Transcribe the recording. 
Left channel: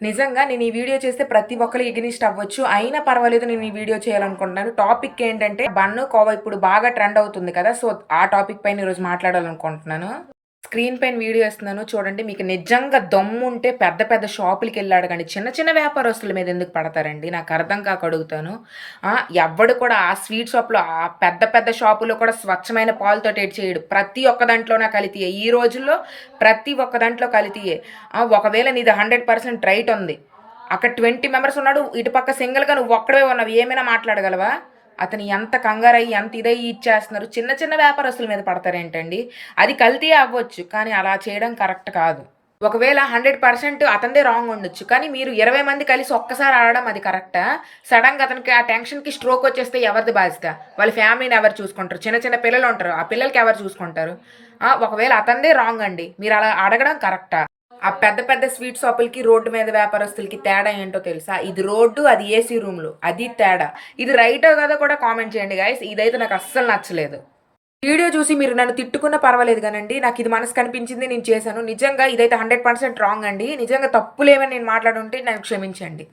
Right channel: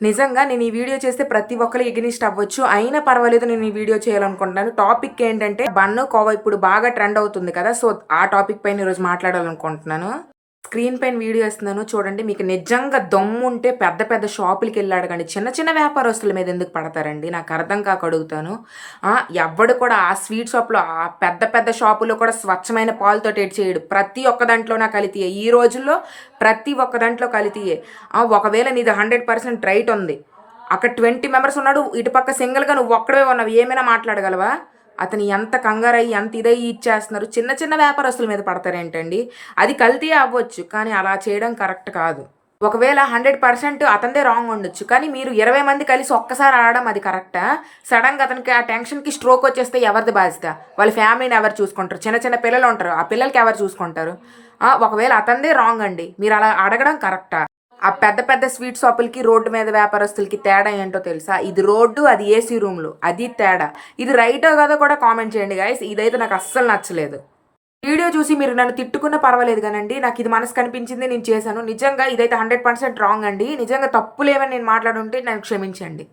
నిజంగా నేను ఈ వీడియో చేస్తే ప్రతి ఒక్కరు ఎగనిస్ట్ అవ్వచ్చు. అయినా పర్వాలేదు నేను ఈ వీడియో చేయాలనుకుంటున్నాను. టాపిక్ ఏంటంటే బన్ను, కోవా ఇప్పుడు బాగా ట్రెండ్ అవుతుంది కదా! సో, ఆ టాపిక్ పైన ఈరోజు మాట్లాడాలనుకుంటున్నాను. స్క్రీన్ పైన వీడియో ఇస్తున్నాను చూడండి. మీకు నిజంగా దమ్ముంటే పెద్ద పెద్ద షాపులకెళ్ళి అడగండి. చిన్న చిన్న వ్యాపారస్తుల మీద ఎందుకు పడతారండి? నాకు అర్థం కాక అడుగుతాను. ఎవ్వడు కూడా ఆ స్వీట్ షాప్‌లో ఆ పెద్ద పెద్ద షాపులో కూడా స్వచ్ఛమైన పాలతోటి చేయడు. ప్రతి ఒక్క దాంట్లోన కల్తీయే. ఈ రోజుల్లో ప్రతి ఒక్క దాంట్లో కల్తీయే. ఒకవేళ నీది 100% రైట్ ఉంది. అక్కడ 20 మెంబర్స్ ఉన్నాడు. ఇటుపక్క సింగిల్‌గా నువ్వు ఒక్కడివే ఉన్నావు. ఏమైనా మాట్లాడగలవా? అతను ఎంత కంగారయ్యి, ఎంత ఇదయ్యి ఇచ్చేస్తున్నారు. చిన్న చిన్న వ్యాపారస్తుల మీద పడతారేంటండి? అది కల్తీ అవ్వచ్చు. కానీ అలా చేయడం కరెక్ట్ కాదు. ఒకవేళ 100% అతనిదే రాంగ్ ఉండొచ్చు. కానీ మీరు 20 మంది కలిసి ఒక్కసారి ఆడడం అది కరెక్టా? సడెన్‌గా అతనికి ఆ టెన్షన్‌కి స్ట్రోక్ వచ్చేస్తే ఎవరిది బాధ్యత? వాళ్ళ ఫ్యామిలీని ఎవరు చూసుకుంటారు? చిన్న చిన్న పిల్లలు ఉంటారు. ఆ పిల్లలకి ఎవరు చూసుకుంటారు? ఒకవేళ అతనిదే రాంగ్ అండి. మీరు అలా అడగడం కరెక్టా? ఆ పెద్ద పెద్ద స్వీట్ షాపులకి, రోడ్డు మీద వ్యాపారస్తులకి తేడా ఏంటో తెలుసా? ఇది రోడ్డు, అది ఏసీ రూమ్‌లు. అది తేడా. ఇది రైటో కాదో కూడా కామెంట్ చేయండి గైస్. ఇదైతే నాకు అస్సలు నచ్చలేదు. వీడియో చూసి మీరు నన్ను తిట్టుకున్నా పర్వాలేదు గానండి. నాకిది మనసు కనిపించింది నేను చేశాను. నిజంగా ఇదైతే 100% రాంగ్ అండి. నిజంగా తప్పులేమని నేను మాట్లాడుంటే నన్ను క్షమించండి.